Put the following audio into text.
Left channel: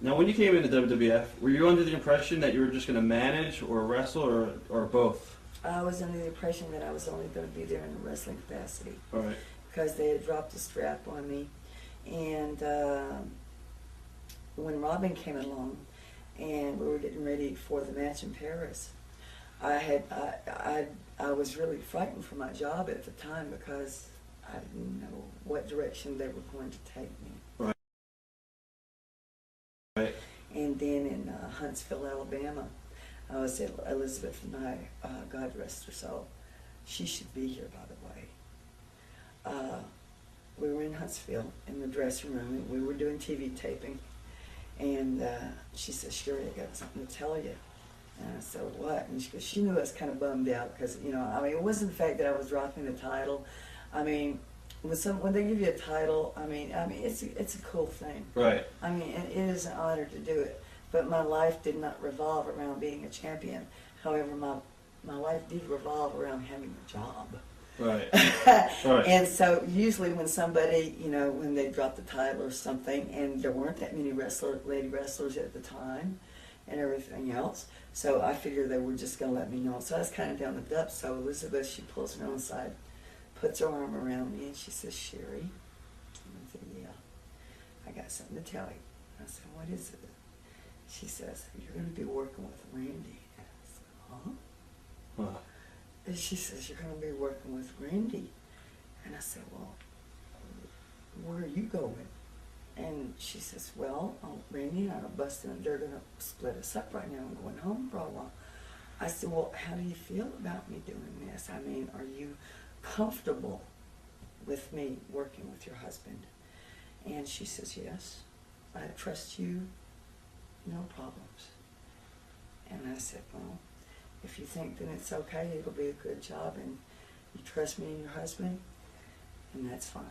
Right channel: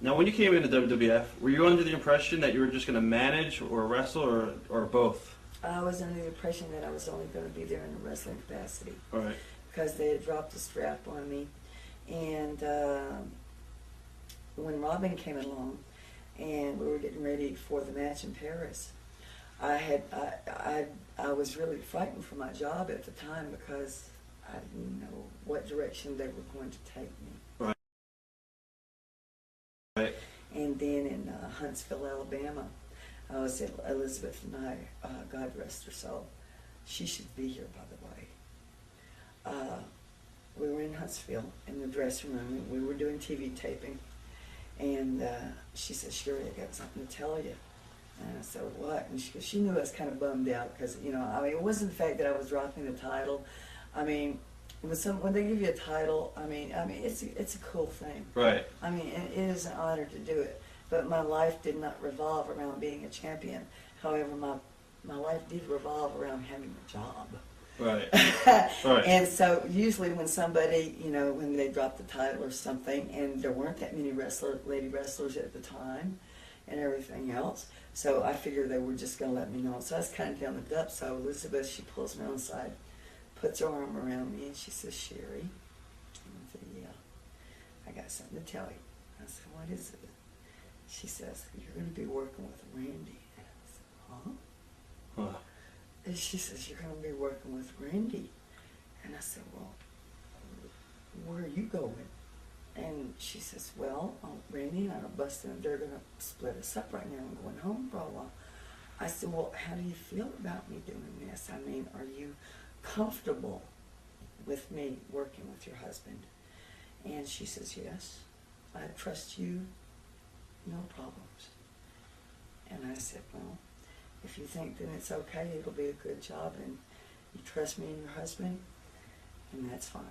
Now, when you came into WWF, were you under the impression that you were just going to manage or wrestle or both? I was under the impression that I was only going to be there in a wrestling capacity. Right. Because they had dropped the strap on me. And when Robin came along and we were getting ready for the match in Paris, I was really fighting for my job at the time because I didn't know what direction they were going to take me. Right. And then in Huntsville, Alabama, I was at Elizabeth and I, God rest her soul, she should be here, by the way. We were in Huntsville in the dressing room, and we were doing TV taping, and she said, "Sherri, I got something to tell you." And I said, "What?" And she knew I was kind of bummed out because, you know, I mean, it wasn't the fact that I was dropping the title. I mean, when they give you a title, I mean, it's a cool thing. Right. I mean, it is an honor to do it. But my life did not revolve around being a champion. However, my life did revolve around having a job. Right. Right. And so usually when somebody, you know, when they drop the title or something, and there weren't that many lady wrestlers at the time and everything else, so I figured they were just going to let me know. So I was kind of down the depths. So Elizabeth, she pulls me on the side, puts her arm around me, and she says, "Sherri," I said, "Yeah, I got something to tell you." I said, "What is it?" She says, "You're going to be working with Randy." And I said, "Huh?" Wow. And she says, "You're going to be working with Randy." And I said, "Well, where are you going?" And she says, "Well, Randy and I are busting and they're going to split us up right now. I'm going home for a while." I said, "Well, how do you feel about me doing this? I mean, are you comfortable with me working with your husband?" And she says, "Yes, I trust you, no problems." And I said, "Well, if you think then it's okay, it'll be a good job, and you trust me and your husband, and that's fine."